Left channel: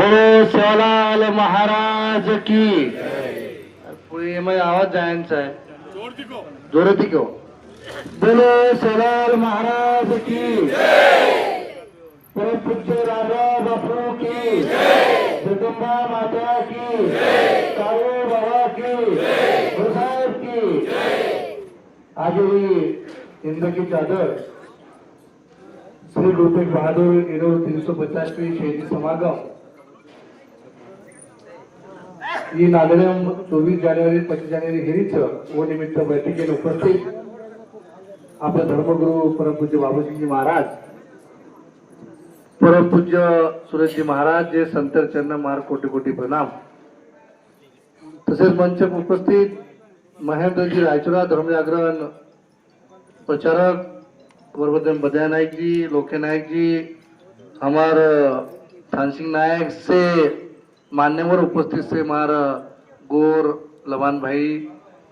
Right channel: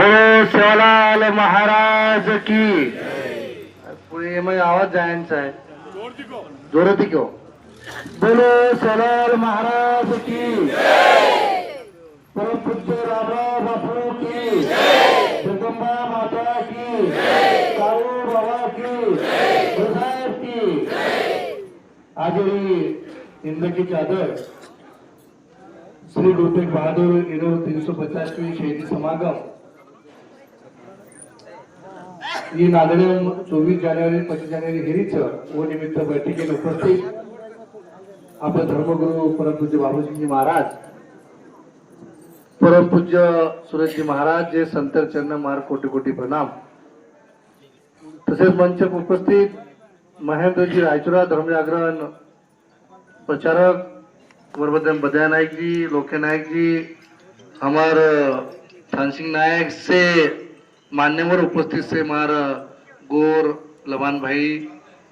बोलो शिवलाल महाराज की। पुणे में आवाज जायचा आहे, जोरात क्यों? बोलो शिवलाल महाराज की, परम पूज्य रामराव बापू की, जगदंबा माता की, काळू बाबा की, गुरुसाहेब की। आज हिंद की चादर श्री गुरु तेग बहादुर 350वीं शहीदी समागम ही नांदेड 24 जानेवारी 25 जानेवारी हेरीच व निमित्त बैठकीला उपस्थित आपले धर्मगुरु परमपूज्य बाबूजी महाराज, परमपूज्य सुरेशजी महाराज जे संतर चरण मार कोटी कोटी प्रणाम। तसेच मंच उपस्थित महेंद्रजी रायचुरा धर्मजागरण प्रचारक वरबदन बदया नायक जी, लोके नायक जी, हमारे थानसिंह नायक से मान्यवर उपस्थित से मार गोर लवान भाई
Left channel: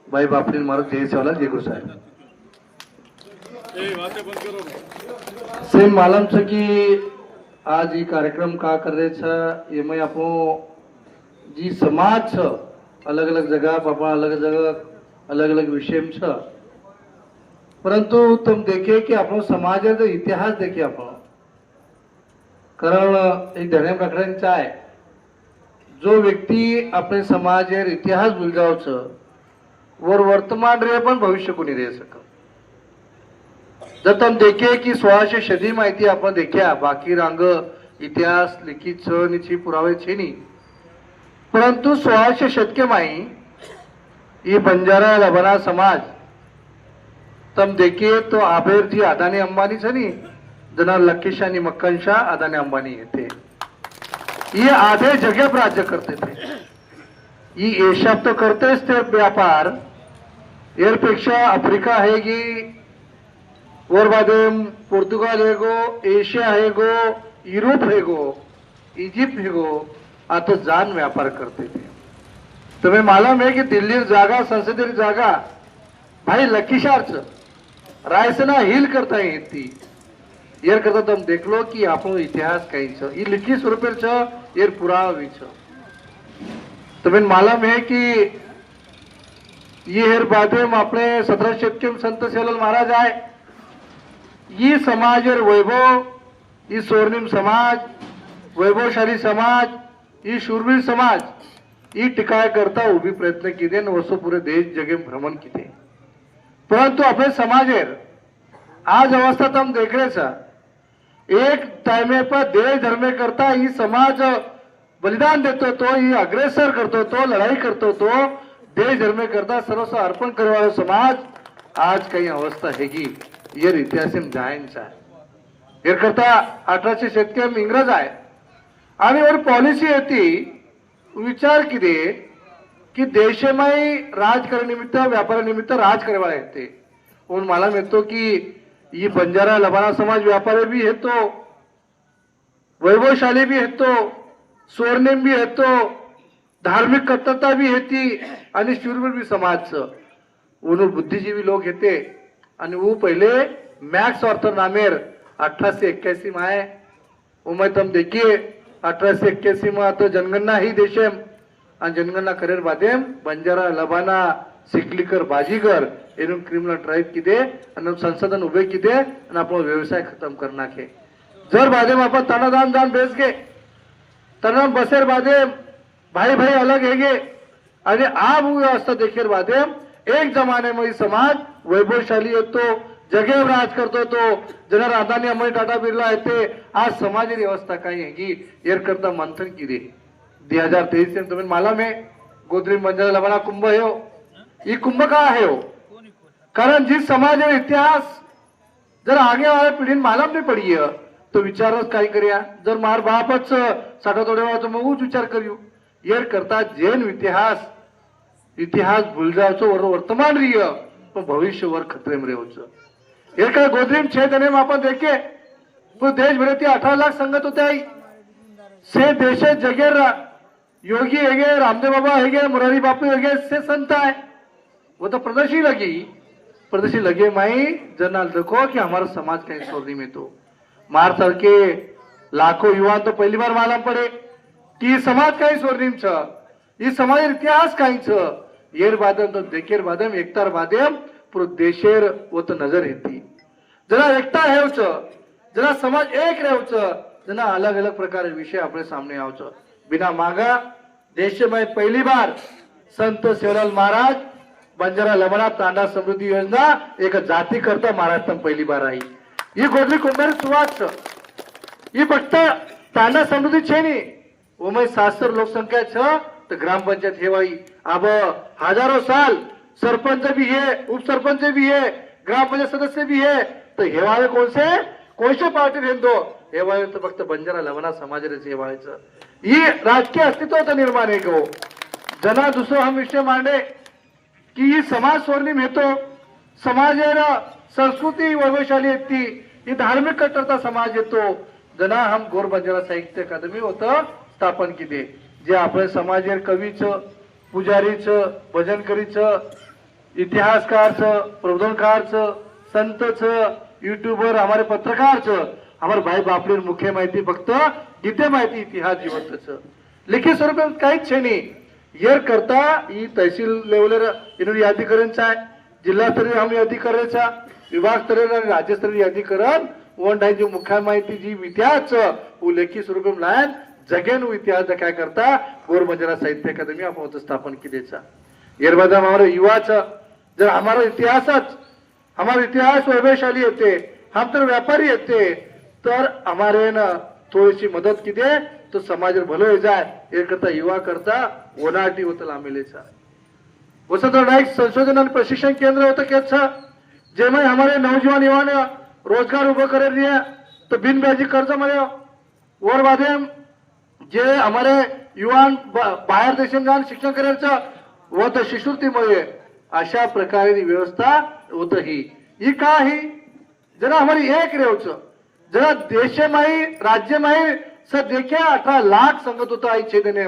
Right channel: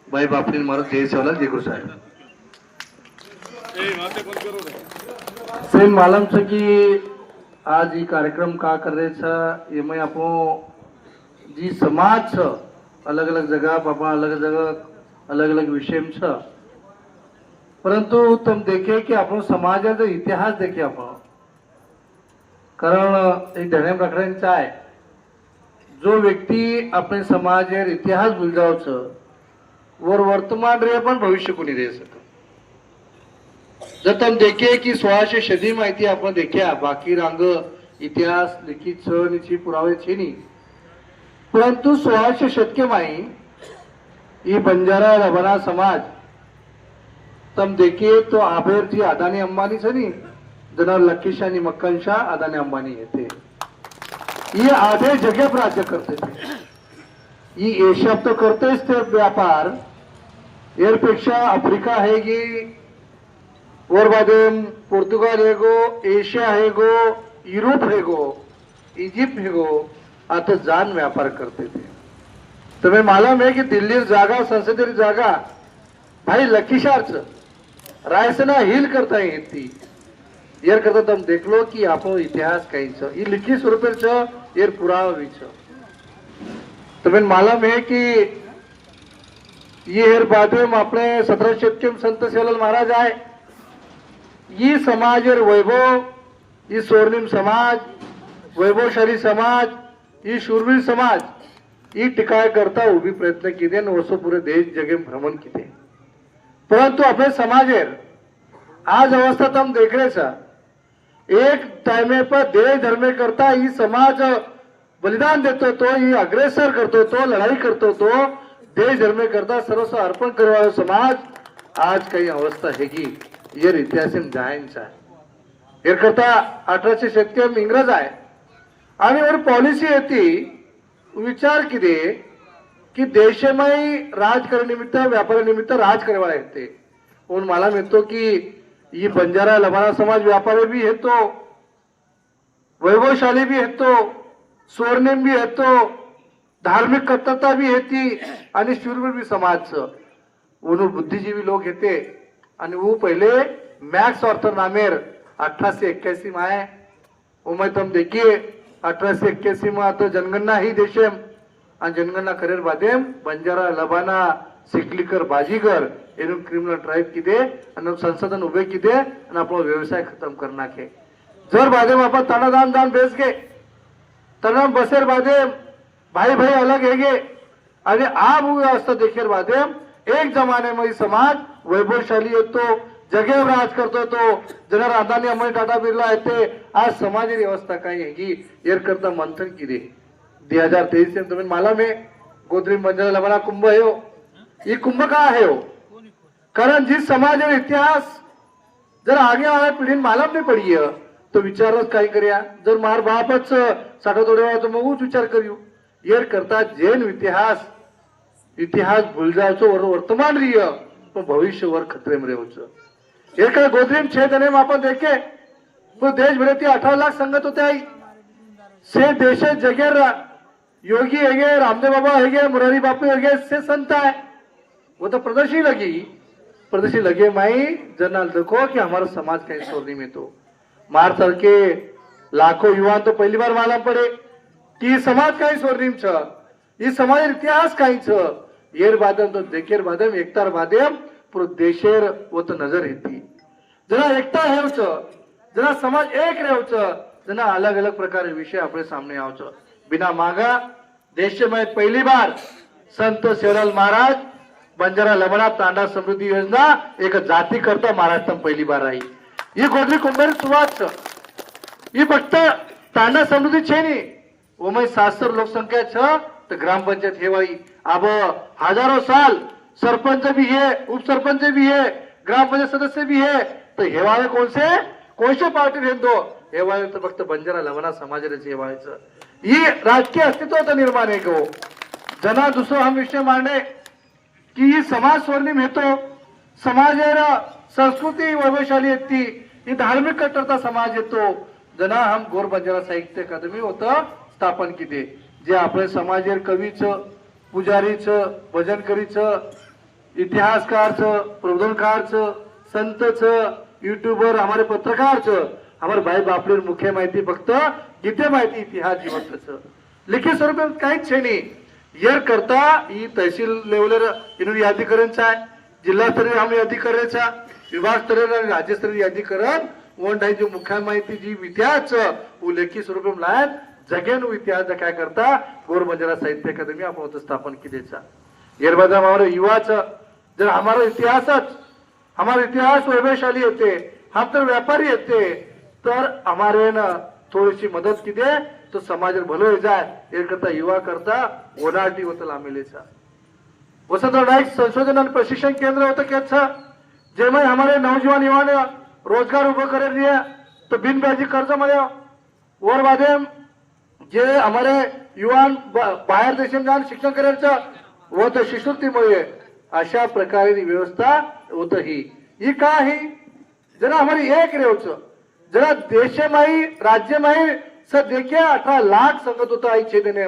भाई बापरी मार जय सवाल जय गुरु साहब सेम मालूम छ कि आज ये कार्यक्रम का कर रहे छ ये मैं आपो जी समाज छ अलग अलग जगह पापा अलग जगह अलग अलग विषय में छ, परंतु तुम देखे कि आपण समाजाचा इतिहास देखे आपण कारण एक ध्यान राखण्याचा आहे जो व्यक्ती अपने समाज इतिहास भूलगावच वर वर्तमान रे पण भविष्य कोणी दे सक। जर तुम देखे कि 1600 सदी माहिती आपण देखिया बाकी रांग इतिहास लिखित छे पुरावे छे नहीं, परंतु 1600 शतके माई ये बंजारा लबना समाज तुम देखे तो आबेर थी अदानी अंबानी से नहीं जना लकीशा आणि मक्कनशा अदानी अंबानी येते ये आधे जगह पर राज्य करते थे। ये एशिया तो करतेच ते व्यापार यापेक्षा अफ्रिका हैगी और बादे पोर्तुगाल हैगो, एशिया हैगो, यूरोप हैगो, इजिप्त हैगो, आता जान व्यापार करते थे। तुम्हें मालूम है कि दिल्ली जागा संसदीय जागा भाई लकीशार्च रायसना हिल करता येती यार करता तुम देख लो कि आपो इतिहास कहीं छ ये लिखित स्वरूप छ यार पुरावा भी छ। तुम्हें मालूम है कि ये हर बादे में अपने 17 शतके में संत सेवालाल महाराज आए, ये समाज और वैभव, ये स्वर्णिम समाज, वैभवशाली समाज, ये शूरवीर समाज ये टिकाय करता उभी प्रयत्न किए वर्षो पूरे देश जगह भ्रमण किए, परंतु अपने समाज आज अवस्था तुम देख रहे छ एक टाइम पर देश धर्म करता ही समाज बलिदान देतो तो ही अग्रेसर करतो तो लड़ाई करतो तो देश धर्म करता सर्वस्व अर्पण करवा समाज आज काही अवस्था है कि ये इतिहास जायचा हे करता 1800 शतके में इंग्रज आहे आणि और पॉलिसी होती विचार किती कि देशमय राज करनिमित्त व्यापार निमित्त राज करवा येते और मला मिळतो की ये बंजारा लबाना समाज व्यापारी भी है तो वैभवशाली भी है तो स्वर्णिम भी है तो धार्मिक कट्टरता भी है आणि शूरवीर भी समाज उन्होंने बुद्धिजीवी लोग येते आणि वो पहले मैक्स ऑर्थर नामेर 1881 में आए उमें तुम देखिए 1881 में तो जनगणना ही देशम आणि जनगणना करेर बादे बंजारा लबाना सिकलीकर बाजीगर एवं क्रिमिनल ट्राइब किदे आणि संसाधन उभे किदे आणि आपला व्यवसाय खत्म करना के जर बादे में अपन तना दान दान बेच गए तना बसेर बादे भाई भाई अलग है गे आणि आप व्यवस्था देखेर बादे एक जमाने में समाज वैभवशाली होतो जगह राज करतो तो जना अदानी अंबानी टाटा बिर्ला येते आज समाज व्यवस्था काही है कि यर करता मंथन किदे 2023 से तुम्हें मालूम है गोदरी बंजारा लबाना कुंभ है ये कुंभ का है हो कारण जिस समाज और इतिहास जर आगे आए पीढ़ी मालूम नहीं पड़ी है तो विचारच काही करिया जर मार बापच साठा तोडवा तो मग विचार करियो ये करता जैन इतिहास इतिहास भूल जाओ और वर्तमान रही तो भविष्य वर खतरे में रहो ये काय गोदरी में 6 जने में अपन देखे तो देश भर 18 लाख संगत होते आई से देश जगह योगी है रामदेव बाबा है मुरारी बापू है से संत है वो तो प्रदर्शी लगे माई जनरल देखो कि हमारा समाज कहीं छोड़ने में तो मार चल के लाखों युवा तो पहली बार मालूम पड़े कि समाज कहीं स्वर्णिम छ ये समाज इतिहास कहीं छ येर बादम तो देखेर बादम एकतार बादम पूरे देशेर वो तो नजर हेती जना एकता है जना समाज एक रहे जना अलग अलग प्रकार विषय अपने सामने आओ बिना मांगा देश में पहली बार संत सेवलाल महाराज बंजारा लमणा तांडा समृद्धि योजना एक जाती करता महाराष्ट्र में पहली बार आई ये गोदरी कुंभारी सुरुवात ये फक्त तांडा समृद्धि छे नहीं वो में 700 लोकसंख्या छ तो ग्राम पंचायत हेवाई अब हजारों साल सरपंच भी है उप सरपंच भी है ग्राम पंचायत सदस्य भी है तो हेवावे कौन से पार्टी भेदो हेवावे तो फक्त बंजारा लवणा समाजाचे हेवायचं ही राजकीय अस्तित्वाचा निर्माण आहे गो जना दुसरा हम विषय मांडे की ही समाज स्वर्णिम हेतो समाजेर संस्कृती वैभवशाली येती ही धार्मिक कट्टरता समाज येतो जना हम गोर बंजारा साहित्य अकादमी होतं स्थापन केले जे आपण समाजेर कवीचं पुजारीचं भजनकरीचं इतिहासकारचं प्रबोधनकारचं संतचं युट्यूबर हमारे पत्रकारचं हमारे भाई बापले मुख्य माहिती फक्त गीते माहिती इतिहास जीवंतचं लिखित स्वरूपात काहीच नाही येर करता ही तहसील लेवलर इन्होंने यादीकरणचा आहे जिल्हास्तरीय आम्ही अधिकाऱ्याचा विभाग स्तरीय आणि राज्यस्तरीय यादीकरण वन टाइम जो मुख्य माहिती जी इतिहास वो लेखी स्वरूप लायन जगेन इतिहास काय करता गोर बंजारा साहित्य अकादमी आपण स्थापन केलेचा येर बाद हमारे युवाचा जर हमारा इतिहास वैभवशाली होते हम तर व्यापारी होते तर हमारे न थोडीशी मदत की दे तो समाज भलो हो जाए ये करता युवा करता ओनाटी होता लामिलेचा वसंतराव नाईक संशोधन आणि प्रशिक्षण केंद्र होतं केचं जेव्हा हमारे नौजवान युवा ने रोजगार उभं करे लिया तो बिन ब्याजी कर्ज मिळ्या वर बादे जे हमारे युवान बाहेर देशात जाऊन शिक्षण करायचं व तर शिष्यवृत्तीमुळे अशा प्रकारे व्यवस्था होत ही का ही जरा हमारी एक रेवच जरा देशमाही राज्यमाही सर देखिए 18 लाख संगत होता आई छेदने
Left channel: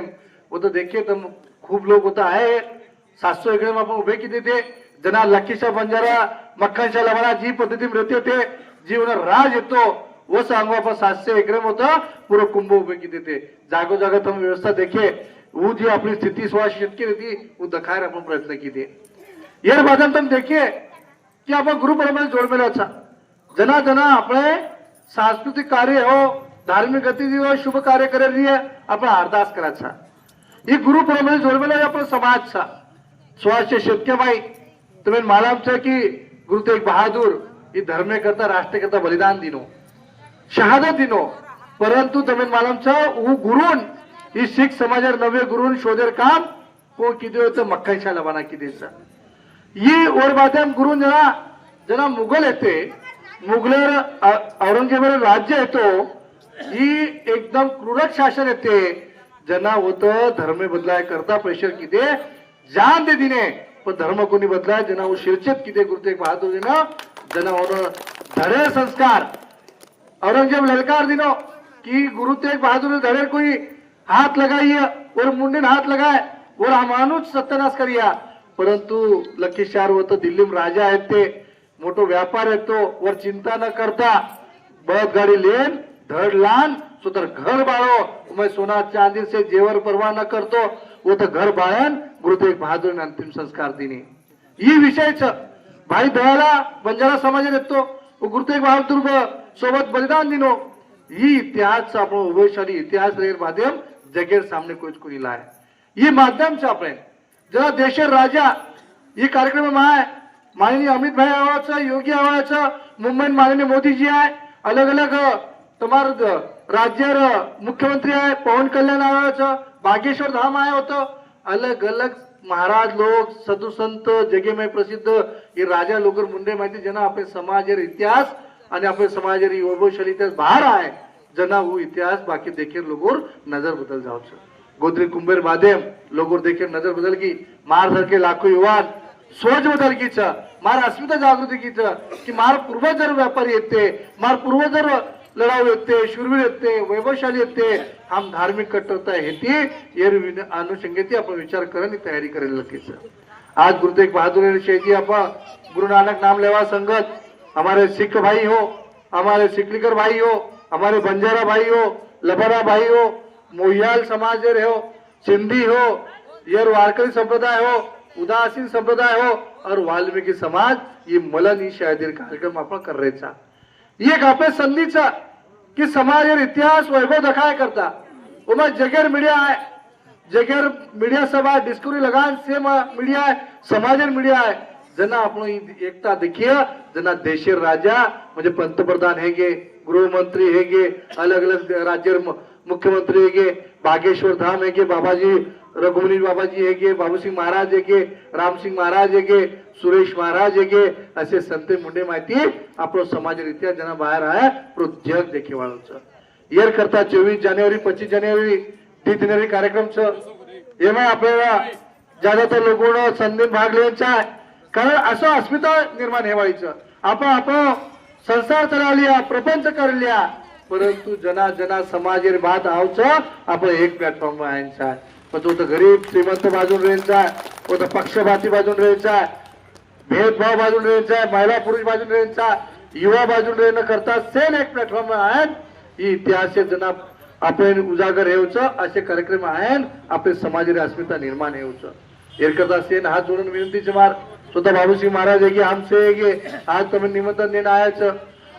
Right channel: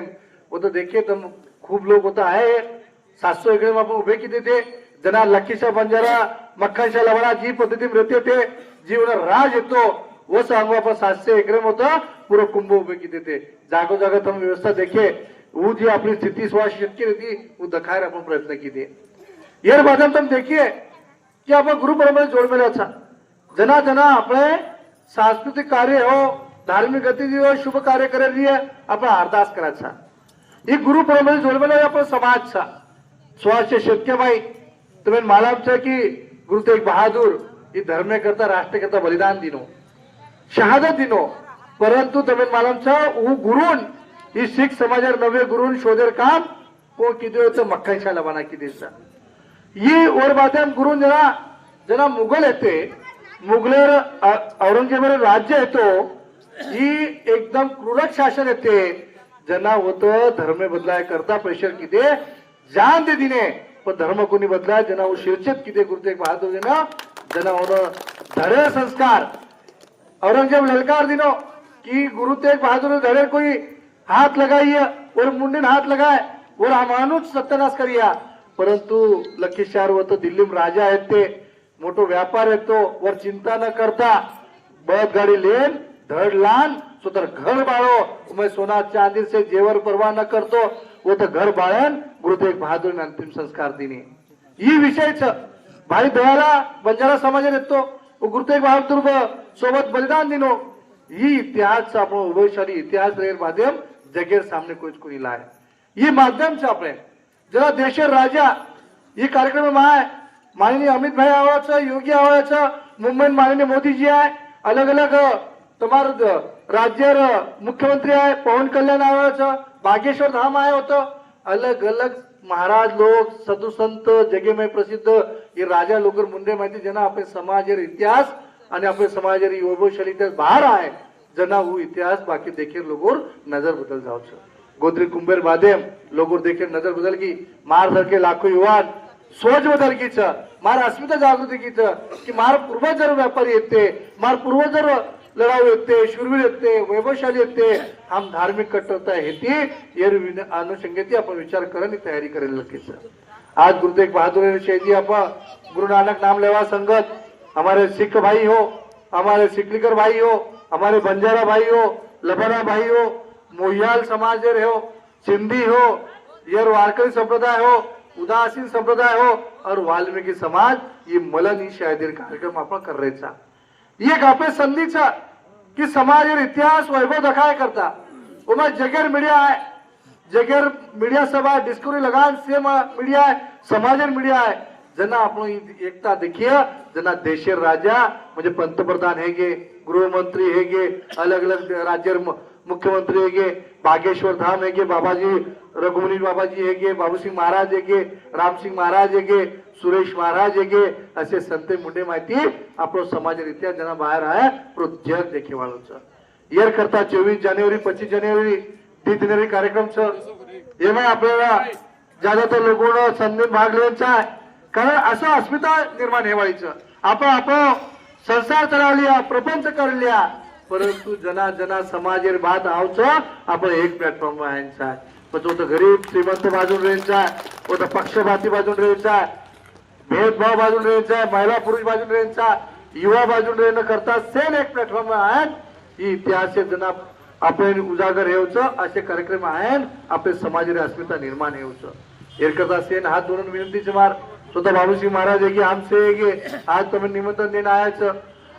वो तो देखिए तुम खूप लोग होता है 700 एकड़ में आपण उभे किती ते जना लखीशा बंजारा मक्कांशा लवणा जी पद्धती रहते थे जीवन राज येतो वो सांगू आपण 700 एकड़ होता पूरा कुंभ उभे किती ते जागो जागा तुम व्यवस्था देखे वो जी अपनी स्थिति स्वास्थ्य शेतकरी थी वो दिखाए अपन प्रयत्न किए येर बादन तुम देखिए कि आपण गुरु परंपरा जोड़ मिला अच्छा जना जना अपने सांस्कृतिक कार्य हो धार्मिक गतिविधि हो शुभ कार्य करे लिए आपण अरदास करायचा ही गुरु परंपरा जोड़ मिला आपण समाजचा स्वास्थ्य शेतकरी तुम्हें मालूम है कि गुरु तेग बहादुर ही धर्म करता राष्ट्र करता बलिदान दिनो शहादत दिनो परंतु तुम्हें मालूम है वो गुरुन ही सिख समाजार नवे गुरुन शोधेर काम वो किती होतं मक्कांशा लबाना कितीचा ये और बातें गुरु जरा जना मुघल येते मुघलर औरंगजेबावर राज्य येतो ही एकदम क्रूरक शासन येते जना होतं धर्म बदलाय करता प्रेशर किती जान दे दिने पण धर्म कोणी बदलाय जना वो शिरछेद किती गुरु तेग बहादुर जना जना होणं धरे संस्कार औरंगजेब ललकार दिनो कि गुरु तेग बहादुर धरे कोई हाथ लगाइए और मुंडे हाथ लगाए और हमानुच सत्यानाश करिया परंतु लखीशार व तो दिल्ली में राजा है ते मोटो व्यापार है तो वर चिंता न करता बळद गाड़ी लेन धड़ लान तो तर घर बाळो मैं सोना चांदी से जेवर परवाह न करतो वो तो घर बाळन गुरु तेग बहादुर ने अंतिम संस्कार दिने ये विषय भाई दयाला बंजारा समाज येतो गुरु तेग बहादुर सोबत बलिदान दिनो ये इतिहास आपण वैभवशाली इतिहास रेर माध्यम जगेर सामने कोणी लाय ये माध्यम से आपण जरा देशर राजा ये कार्यक्रम में आए माननीय अमित भाई आवाज योगी आवाज मुंबई माननीय मोदी जी है अलग अलग तुम्हार राज्य मुख्यमंत्री है पवन कल्याण आवाज बागेश्वर धाम आए होतो अलग अलग महाराज लोग साधु संत जगे में प्रसिद्ध ये राजा लोग मुंडे माहिती जना अपने समाज इतिहास आणि आपले समाज वैभवशाली बाहर आहे जना वो इतिहास बाकी देखे लोगों नजर बदल जाओ गोत्री कुंभेर माध्यम लोगों देखे नजर बदल की मार सर के लाखों युवान सोच बदल की मार अस्मिता जागृती की कि मार पूर्वजर व्यापारी येते मार पूर्वजर लढाऊ येते शूरवीर येते वैभवशाली येते हम धार्मिक कट्टरता हेती ये अनुषंगेती आपण विचार करने तैयारी करेल नक्कीच आज गुरु तेग बहादुर शेजी आपण गुरु नानक नाम लेवा संगत हमारे सिख भाई हो हमारे सिकलीकर भाई हो हमारे बंजारा भाई हो लबारा भाई हो मोहियाल समाज हो, सिंधी हो, ये वारकरी संप्रदाय हो, उदासीन संप्रदाय हो और वाल्मीकि समाज ये मलन ही शायद कार्यक्रम आपण करायचा एक आपले संधीचा की समाज इतिहास वैभव दखाय करता उमा जगेर मीडिया है जगेर मीडिया सभा डिस्कवरी लगान से मीडिया है समाजर मीडिया है जना आपण एकता देखिए जना देशेर राजा म्हणजे पंतप्रधान हेगे गृहमंत्री हेगे अलग अलग राज्य मुख्यमंत्री हेगे बागेश्वर धाम हेगे बाबाजी रघुमुनी बाबाजी हेगे बाबूसिंग महाराज हेगे रामसिंग महाराज हेगे सुरेश महाराज हेगे असे संत मुंडे माहिती आपलो समाजरित्या जना बाहेर आहे जग देखे वाळूचं येर करता 24 जानेवारी 25 जानेवारी 3 जानेवारी कार्यक्रम येणं आपल्याला ज्यादातर लोकांना संधी भाग घ्यायचा आहे कारण असं अस्मिता निर्माण हेवायचं आपण संसार करालिया प्रपंच करलिया परंतु जना जना समाजेर बात आवचं आपण एक प्लॅटफॉर्म आणायचा आहे पण तो गरीब श्रीमंत बाजून राहायचा आहे तो पक्षपाती बाजून राहायचा आहे भेदभाव बाजून राहायचा आहे महिला पुरुष बाजून राहायचा युवा बाजून राहणं करता सेल एक प्लॅटफॉर्म आहेत ही इतिहास जना आपण उजागर हेवचं असे कार्यक्रम आहेत आपले समाजाची अस्मिता निर्माण हेवचं एरकत असेल हात जोडून विनंतीचे मार स्वतः बाबूसिंह महाराज है हमसे है आज तुम्हें निमंत्रण देना आया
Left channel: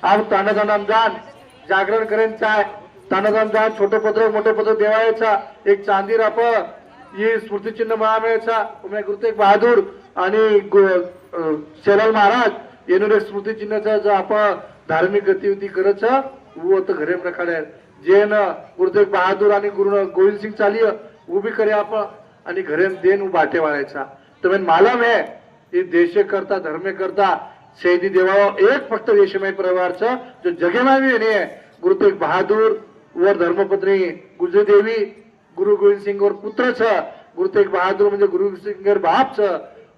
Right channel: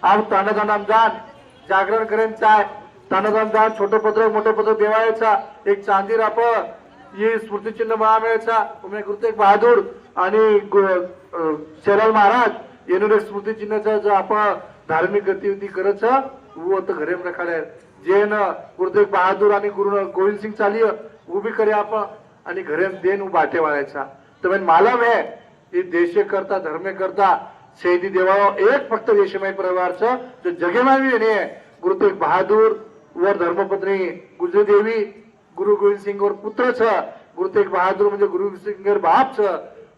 आप तानादान जान जागरण करेन चाय तानादान जान छोटे पत्र मोठे पत्र देवायचा एक चांदी राप ये स्मृती चिन्ह महामेळचा उमे गुरु तेग बहादूर आणि शेलाल महाराज येणून स्मृती चिन्हाचा जो आपण धार्मिक गतिविधी करच वो तो घरे प्रकारे जे न गुरु तेग बहादूर आणि गुरु गोविंद सिंग चालिय वो भी करे आपण आणि घरे देन बाटे वाळायचा तो मालम है ये देशे करता धर्मे करता शहीदी देवा एक फक्त देशमय परिवारचं जो जगेमावी नाही गुरु तेग बहादूर वर धर्मपत्नी गुजरी देवी गुरु गोविंद सिंग वर पुत्र छ गुरु तेग बहादूर म्हणजे गुरु सिंगर बाप छ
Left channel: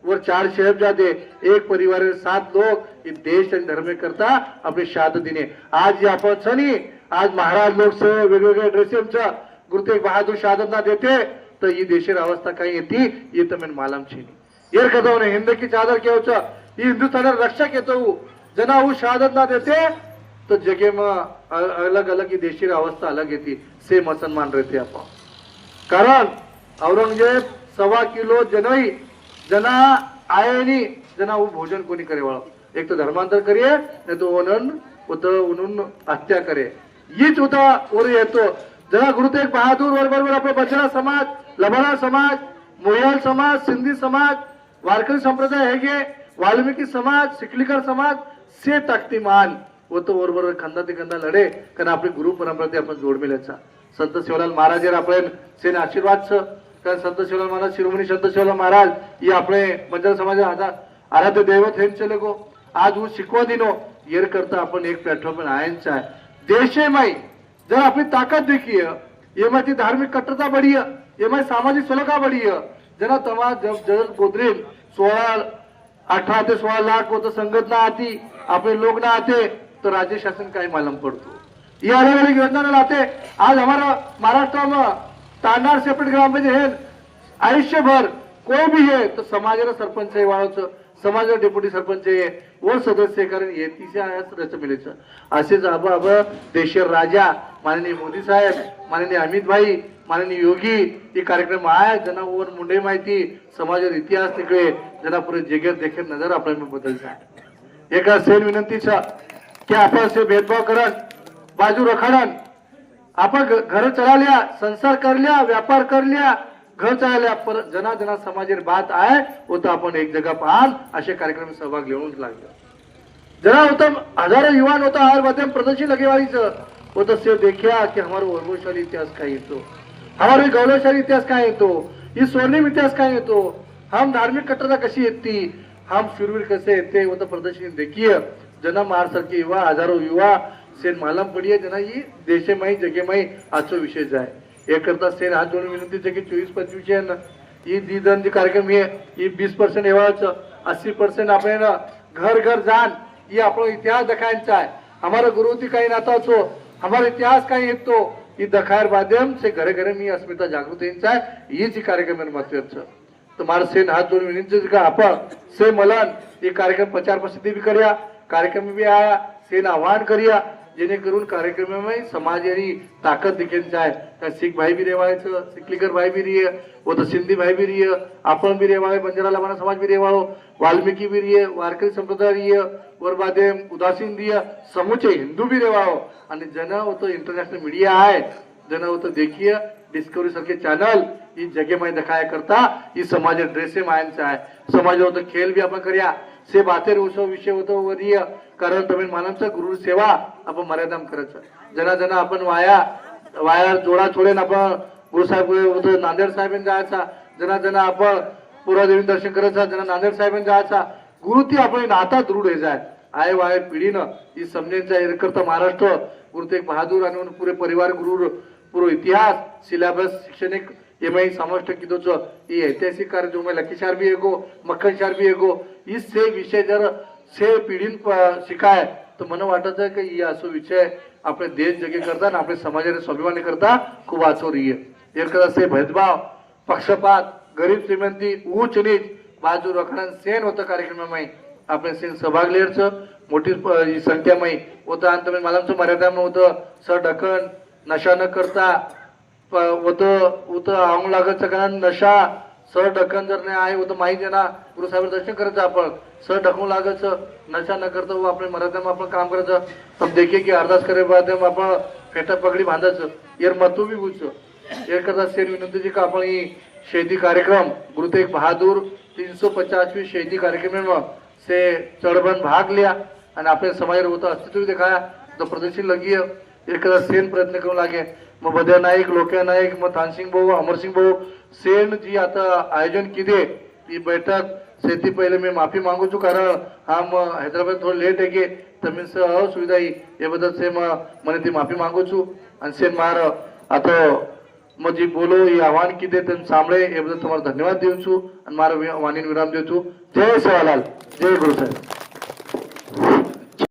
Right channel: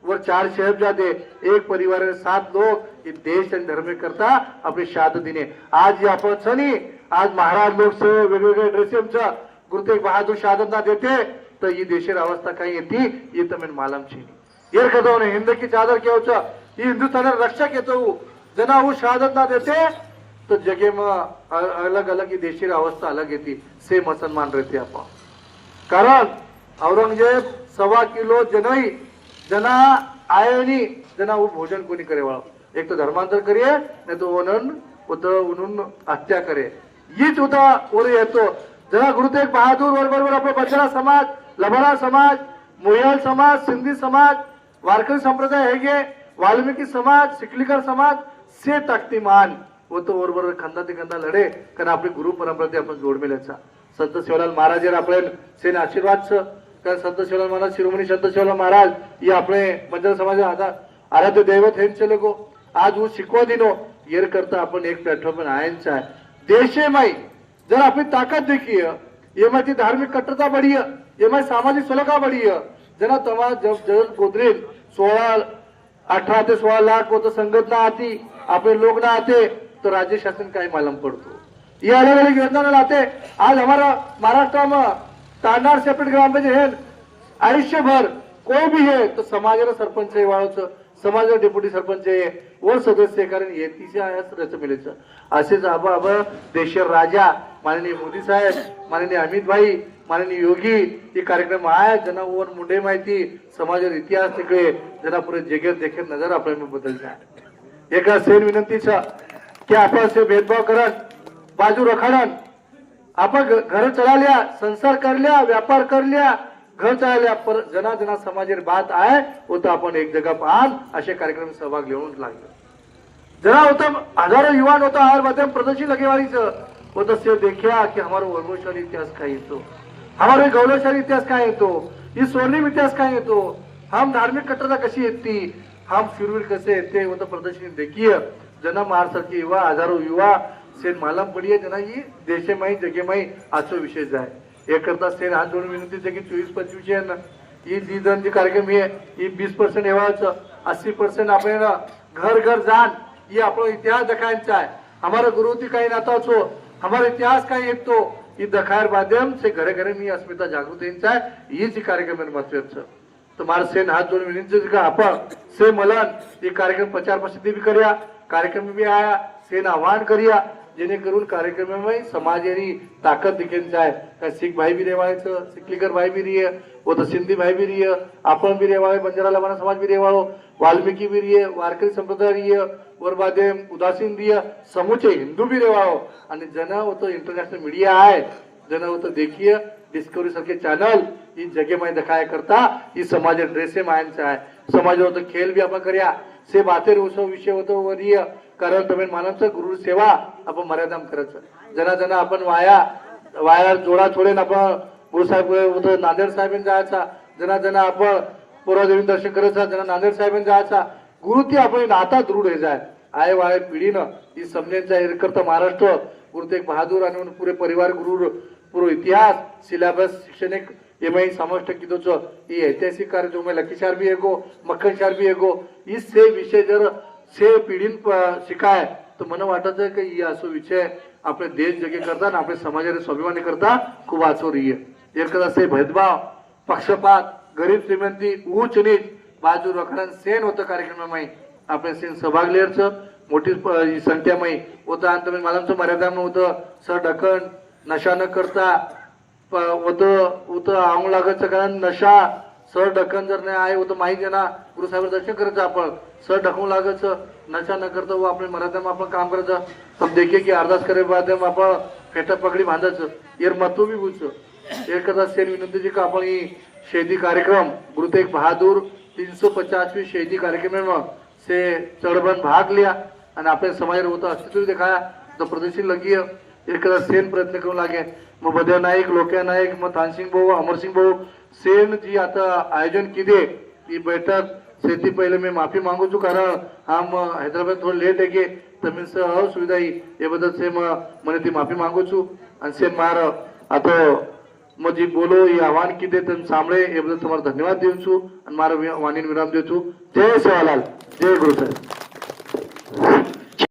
वर 4 शहजादे एक परिवार 7 लोग ये देश आणि धर्मे करता आपले शाद दिने आज आपण छनी आज महाराज लोक से वेगवेगळे ड्रेसेमचा गुरु तेग बहादूर शादत ना देते तर ही देशेर अवस्था काही येती ये तमेन मालम छीनी येर कदवने हिंद की चादर के उचा ये हिंदुस्तान रक्षक येतो जना वो शहादत ना देते तो जगे में अलग अलग ही देशी अवस्था अलग येती से मुसलमान रहते आपण कारण औरंगजेब 1.25 किलो जनई जना आयनी जना वो भोजन कोणी करे वाला एक तो धर्मांतर करिए नहीं तो ओनन उन हत्या करे हीच होता और येतो जना गुरु तेग बहादूर बरोबर आपले बचरा समाज लबाडा समाज मोहियाल समाज सिंधी समाज वारकरी संप्रदाय हेगे वाल्मीकि समाज सिकलीकर समाज से ताकतीमान वो तो बरोबर खंदा ते खंदा लढे कारण आपली गुरु परंपरा ते आपण जोड मिळायचा संत शिवलाल महाराज आपले सेन आशीर्वाद कारण संत शिवलाल महाराज शिरोमणी संत शिवलाल महाराज ये आपले बंजारा समाजा आता आराध्य दैवत हेन चले गो आज वो शिकवा दिनो येर करता आपण एक प्लॅटफॉर्म आयनचा आहे देशे माई जर आपली ताकद देखीय ये ती धार्मिक कट्टरता बढ़ी ये सामाजिक सलोखा बढ़ी जना तमा जब जग गोदरेल 18 ते 16 लाख वो तो संघटना आती अपने लोग ना आते तो राज्य शासन काही मालूम पड़तो ये अलग अलग योजना लाते आज हमारा महाराष्ट्र में तांडार सेपरेट ग्राम पंचायत है आयुष्यभर कोई भी है तो समाज सरपंच है वाळोच समाज डेप्युटी सरपंच है वो सदस्य कारण येतीचे रच मिलेच असेच आबा देशर राजा माननीय मोदी साहेब माननीय अमित भाई माननीय योगी ये कार्यक्रम आहे जना वर मुंडे माहिती समाजाचा इतिहास निकळे जना पुरे जगत देखे नजर आपल्या बदलचा एका सेन विनंतीचा की आपण से भेदभाव करत बाजू रखाडन आपण घर चलाल्या संसार करल्या व्यापार करल्या घर चलाल्या पर जना जना समाजेर बात आहे वो तो आपण एक जगह पाहन असे कार्यक्रम सहभाग घेऊन लागलो जना होता हजारों युवा होता हर माध्यम प्रदर्शन लगेवारीच वो तो सिर्फ देखिया कि हमारा वैभवशाली इतिहास काय येतो हमारे गौरवशाली इतिहास काय येतो ये स्वर्णिम इतिहास काय येतो हम धार्मिक कट्टरता कशी येती हम शूरवीर कसे येते वो तो प्रदर्शन देखिए जना महाराष्ट्र के युवा हजारों युवा से मालूम पड़िए जना ये देशे माई जगे माई आजचा विषय जाय हे करता सेन हात जोडून विनंती आहे की 24-25 ही दीदन जी कार्यक्रम आहे ही 20% एवढाच 80% आपल्याला घर घर जान ये आपला इतिहास दिखायचा आहे हमारा गुरु ती काही नाता छो हमारा इतिहास काही येतो ये दिखायर माध्यम से घरे घरे मी अस्मिता जागृत यांचा आहे हीच कार्यक्रम महत्वाचं तुम्हारे सेन हाथ जोड़ विनंती का आपण से मलन ये कार्यक्रम प्रचार प्रसिद्धि भी करिया कार्यक्रम में भी आया सेन आह्वान करिया जेणेकरून कार्यक्रम समाज यारी ताकत दिखेन जाए का सिख भाई भी रेवायचं सिकलीकर भाई भी रही वो तो सिंधी भाई भी रही आपण भी रेवाळे बंजारा लावणा समाज भी रेवाळो वाल्मिकी भी रही वारकरी संप्रदाय रही और बादे उदासीन रही समूचे हिंदू भी रेवाळो आणि जन वो तो इंटरनेशनल मीडिया आहे जन वो तो देखिए डिस्कवरी सारखे चॅनल ही जगे में दिखाया करता ही समाज ड्रेसे मायनचा आहे समाज होतो खेळ भी आपण करूया से बातेर उसो विषय होतो वरीय कारण तुम्ही मानवचं गुरु सेवा आपण मर्यादाम करायचं जना जना आपण वाया जोडा छोडेन आपण गुरुसाहेब होतं नांदेड साहेबांनी जायचा जना जना आपण पोरादेवी दर्शन करायचा जना नांदेड साहेबांनी जायचा गुरु ती आपण नाता दृढ हे जाय आय वाय पिढीनं ही समजेचा हे करता महाराष्ट्र गुरु तेग बहादूर आणि पुरे परिवार गुरु पूरो इतिहास सिलेबस शैक्षणिक एमआई समाविष्ट कीधो छो ये ऐतिहासिक कार्य जो मैं लखीशार भी एगो मक्खन शार भी एगो इससे विषय जर से पिढीन शिकाय तर मला वाटत आहे की असो विषय आपले देश जगे करता आणि आपले समाजाने स्वाभिमानी करता खूप वाचो रही है से भेदभाव पक्षपात गरीब श्रीमंती ऊंच नीच बाजू रखणं सेन होतं कार्यक्रमामध्ये आपल्या सेन सहभाग लेअरचं मोठी संख्यामध्ये होतं आणि तुम्ही मला मर्यादामध्ये होतं सर ढकन नशा न करता होतं आंग लागत कारण नशा सर ढकन जर नाही आहे होतं माहिती ना गुरुसाहेब दर्शन करायचं आपण सर ढकून लागायचं नशा न करता वो आपल्या मर्यादा आपण काम करायचं हम देखिए की अरदास करे बाद आपण फेटा पगडी बांधायचं यार मतू बी बोलचं एक करता शेर विनंती जी का आपण ही शहीदी कार्यक्रम गुरु तेग बहादूर 350वीं शहीदी कार्यक्रम में से चढ़बन भाग लिया आणि आपल्या समाज होतं अस्तित्व दिखाया तो प्रदर्शन लगी एक सेन प्रयत्न करू लागे मग बद्या नाईक लोक्या नाईक मग तानसिंग भाऊ अमरसिंग भाऊ सेन जी आता आयोजन किदे ही बैठक सेती पहिले मी माफी मागू छू कारण हम हैदराबाद थोडं लेट आहे की तमिन असुविधा ये बदल से મને ती माफी मागू छू आणि सेन मार आता मग जी बोलो ही आव्हान किदे तन सांभळे ये बदल तुम्हाला धन्यवाद देऊ छू आणि मारा वाणीन विराम देऊ छू जय सेवालाल जय गुरु साहेब.